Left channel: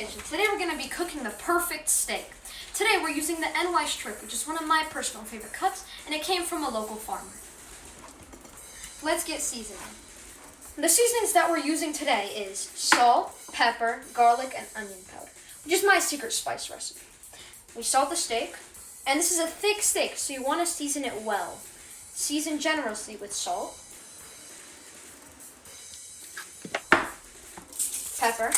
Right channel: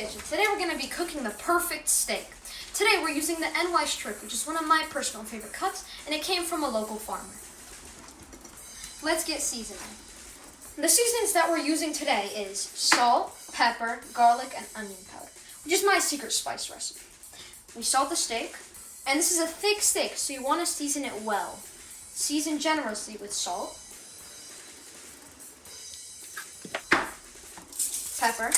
kitchen. Today we're going to be cooking the perfect steak. Today we're using the NY strip, which is one of my personal favorite cuts, and it came from a local farmer. Let's get seasoning. The seasonings that we're using today is salt, pepper, garlic, and onion powder, which is my secret spice recipe. We salt the steak, and this is a thick steak, so you want to season it well. Season generously with salt, pepper,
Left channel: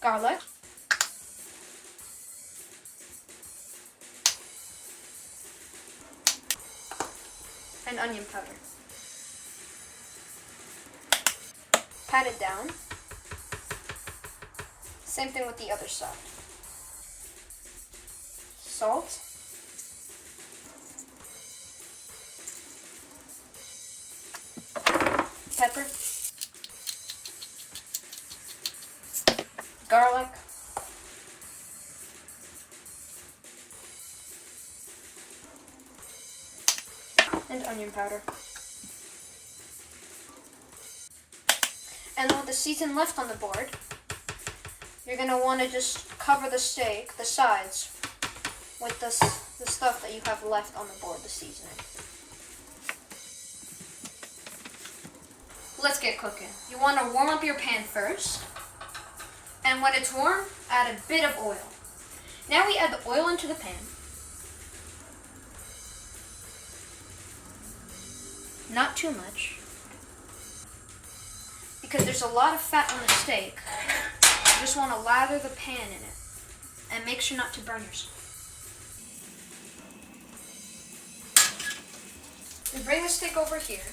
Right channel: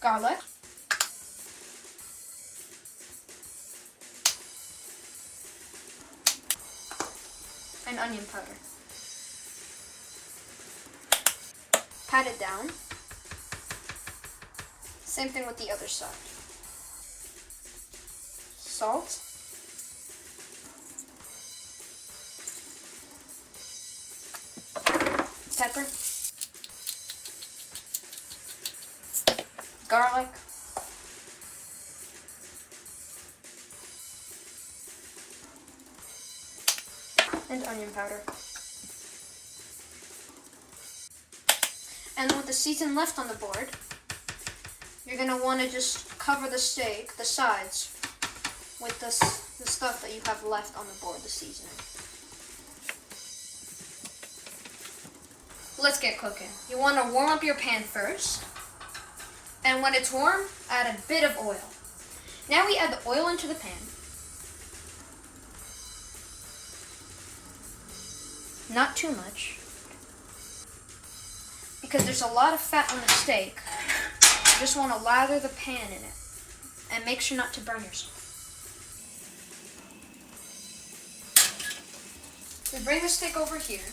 garlic, and onion powder. Pat it down. Same thing with the other side. Salt. Pepper. Garlic. And onion powder. And with the season left on the board, you're going to want to just cover the steak, the sides, with the stuff that you have left on the board, the seasoning. Let's get cooking. You want to warm up your pan first, and when it's warm, add a bit of oil. Now we add the oil into the pan. Not too much, because there's a lot of fat on the steak. You just want to lather the pan in it, and make sure not to burn yourself. We bring the steak over here,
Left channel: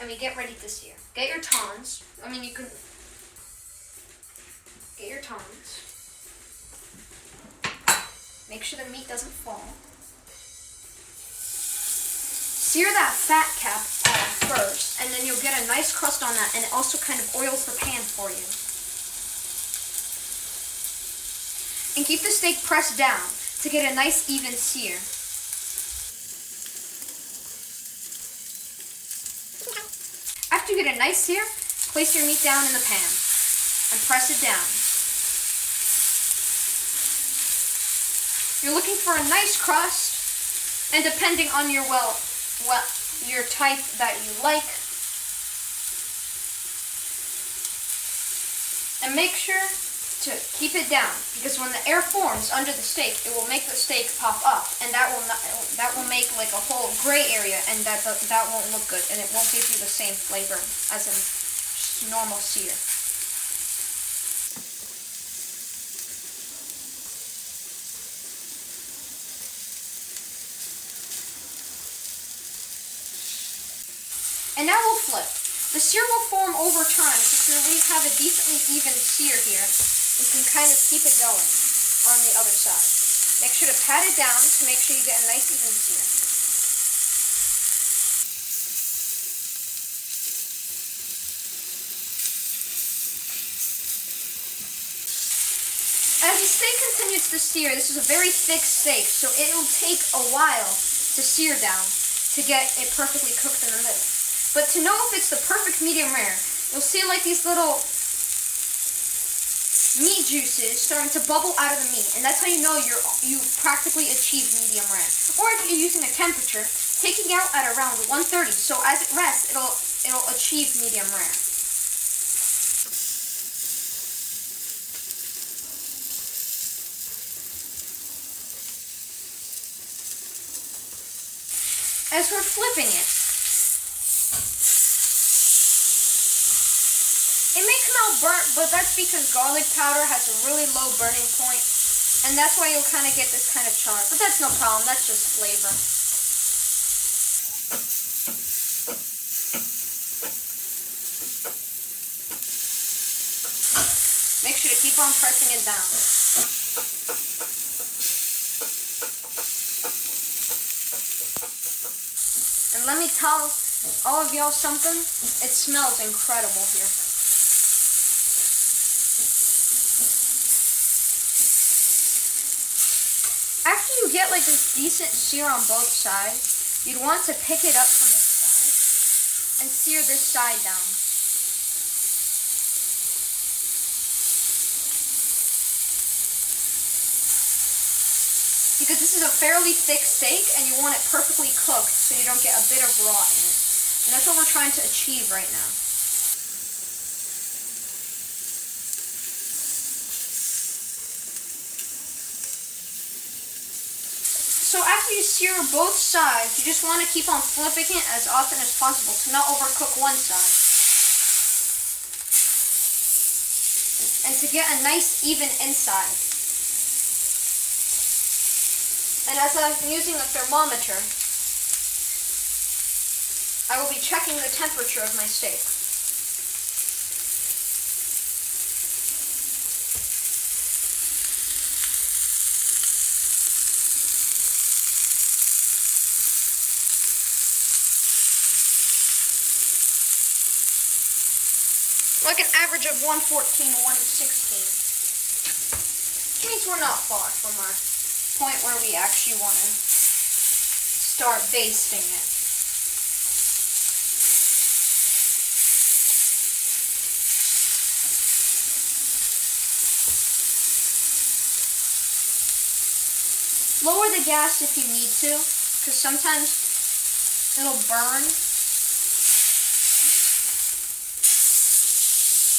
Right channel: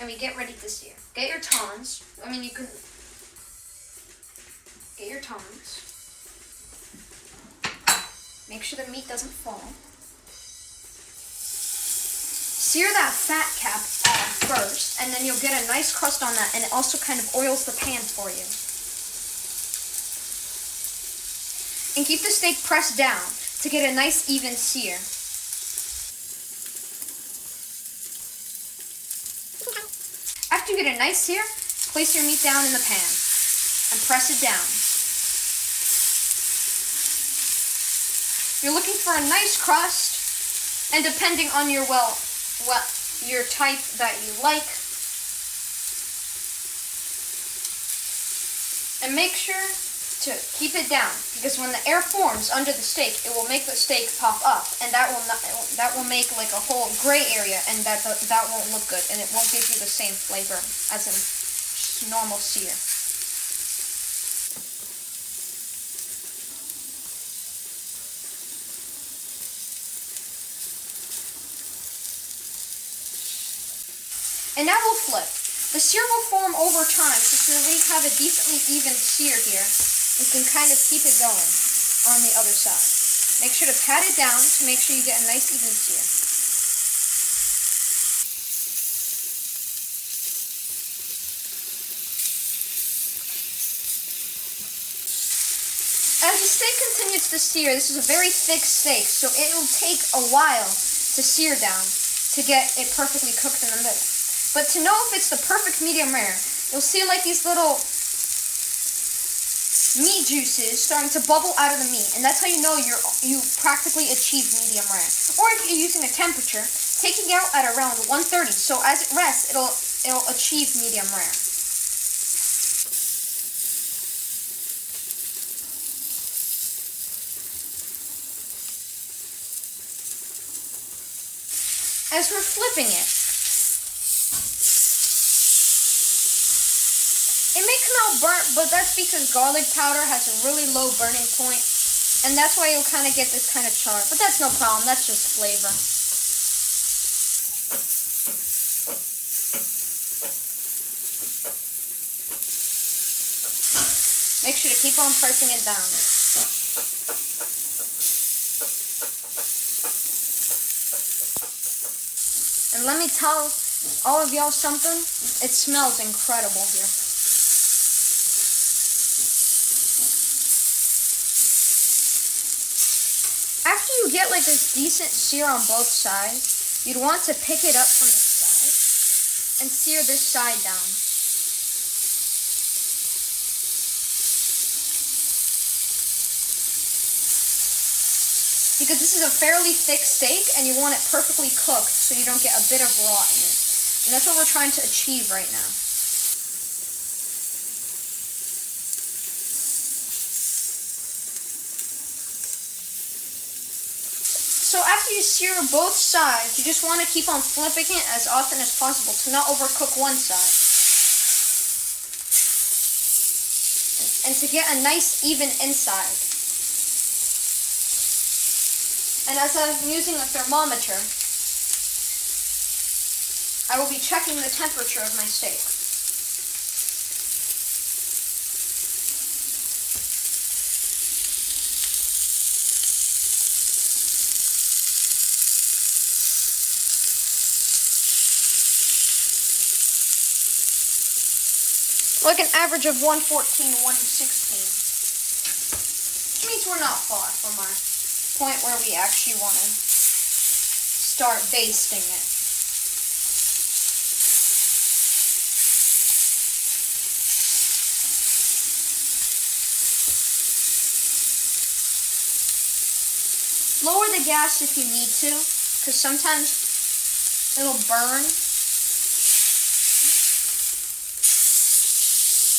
and we get ready to sear. Get your tongs. You can get your tongs. Make sure the meat doesn't fall. Sear that fat cap off first, and then you'll get a nice crust on that, and it also kind of oils the pan for you. And keep the steak pressed down to get a nice even sear. After you get a nice sear, place your meat down in the pan and press it down. You're looking for a nice crust, and depending on your your type that you like. And make sure to keep it down, because when the air forms under the steak, it will make the steak pop up, and that will make like a whole gray area, and that won't look good, and it won't give you the same flavor as in normal sear. And now we'll flip. The sear will form over time, so if you already have a decently even sear here, you can kind of keep it going on the other side. Make sure to pat it down to make sure you get a nice even sear. As the steak continues to sear, this is a very thick steak, so it will take a while to sear down to get it perfectly cooked in the middle. But to know if it's the perfect medium rare, you'll see like these little meat juices starting to bubble out of the meat, and that's how you know you practically achieved medium rare. Or if you're using a temperature, taking out at around 130, so as it rests, it'll achieve medium rare. As we're flipping it, it may come out burnt, but that's because garlic powder has a really low burning point, and that's why you'll kind of get this kind of char. But that's no problem, that's just flavor. Make sure to keep on pressing it down. And let me tell all of y'all something, it smells incredible here. After you get like this decent sear on both sides, you'd want to pick it up from the side and sear this side down. because this is a fairly thick steak and you want it perfectly cooked so you don't get a bit of raw in it. And that's what we're trying to achieve right now. So after you sear both sides, you just want to keep on flipping it as often as possible to not overcook one side. And to get a nice even inside. And as I'm using the thermometer, I will be checking the temperature of my steak. Like an average of 114 to 116. Which means we're not far from our point where we actually want to start basting it. Lower the gas if you need to, because sometimes it'll burn.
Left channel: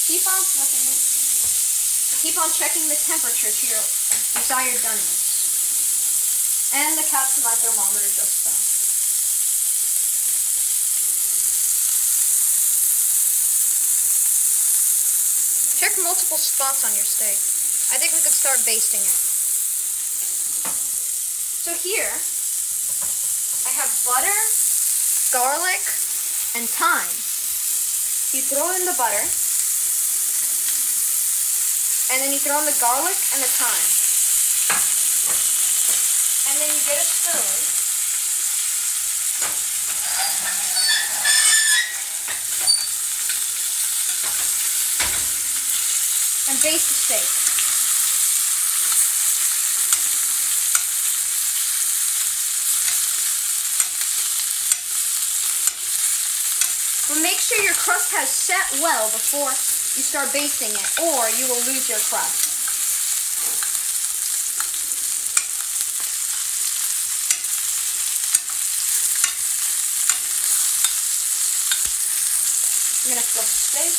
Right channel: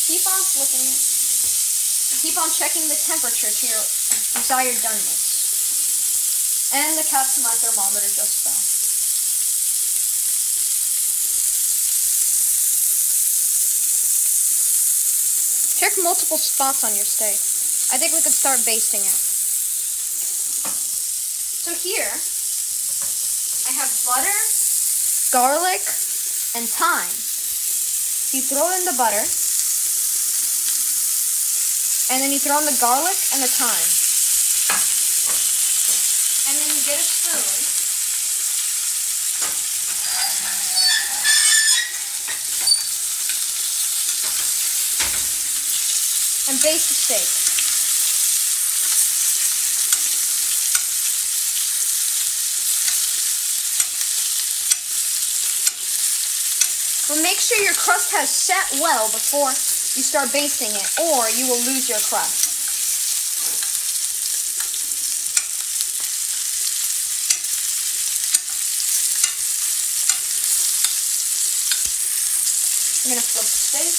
Keep on flipping it. Keep on checking the temperature to your desired doneness. And the cap to my thermometer just fell. Check multiple spots on your steak. I think we could start basting it. So here, I have butter, garlic, and thyme. You throw in the butter. And then you throw in the garlic and the thyme. And then you get a spoon. And baste the steak. But make sure your crust has set well before you start basting it, or you will lose your crust. I'm going to flip the steak.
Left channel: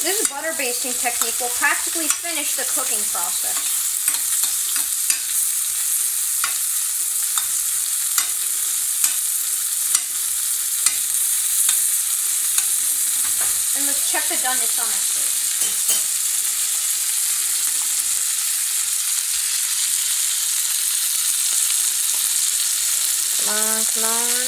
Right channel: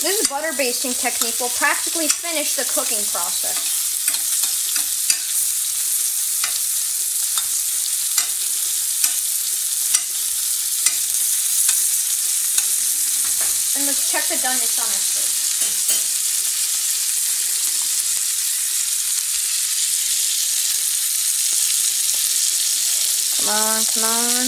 This butter basting technique will practically finish the cooking process. And let's check the doneness on our steak. Come on.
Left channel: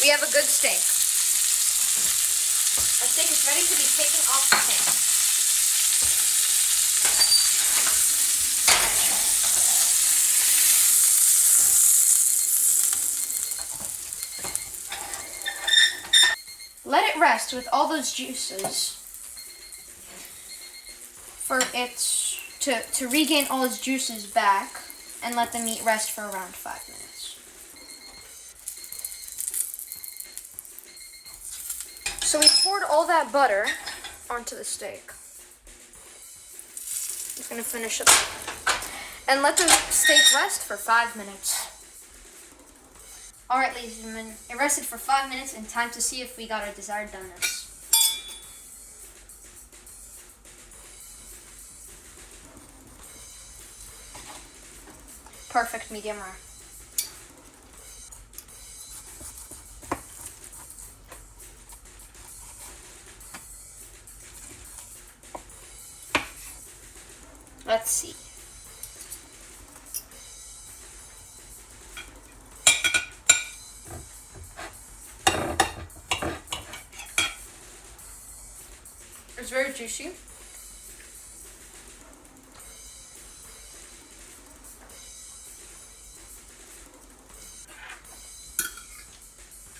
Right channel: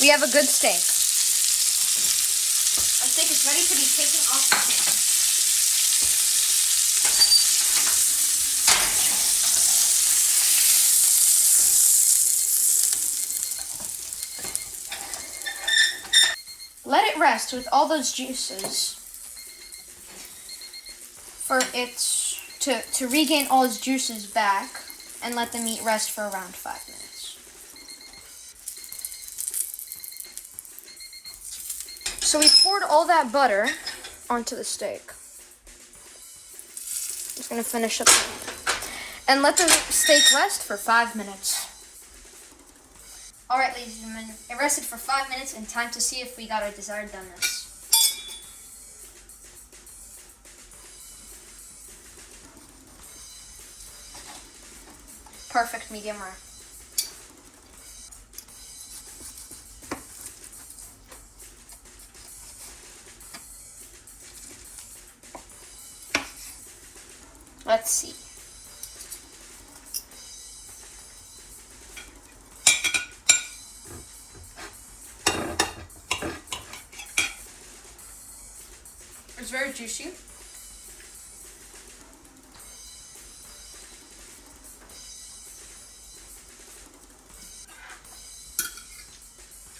We have a good steak. Our steak is ready to be taken off the pan. Let it rest with all those juices for it to regain all its juices back, and let the meat rest for around 5 minutes. So we poured all that butter onto the steak. Just gonna finish up and let the steak rest for 5 minutes. All right, ladies and gentlemen, it rested for 5 minutes, and time to see if we got our desired doneness. Perfect medium rare. Let's see. It's very juicy.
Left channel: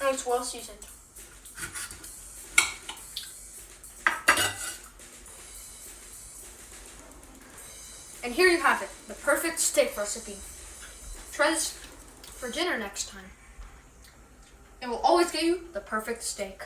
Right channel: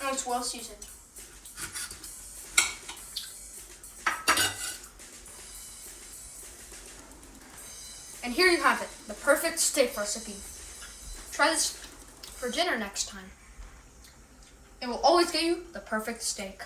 Oh, it's well seasoned. And here you have it, the perfect steak recipe. Try this for dinner next time. It will always get you the perfect steak.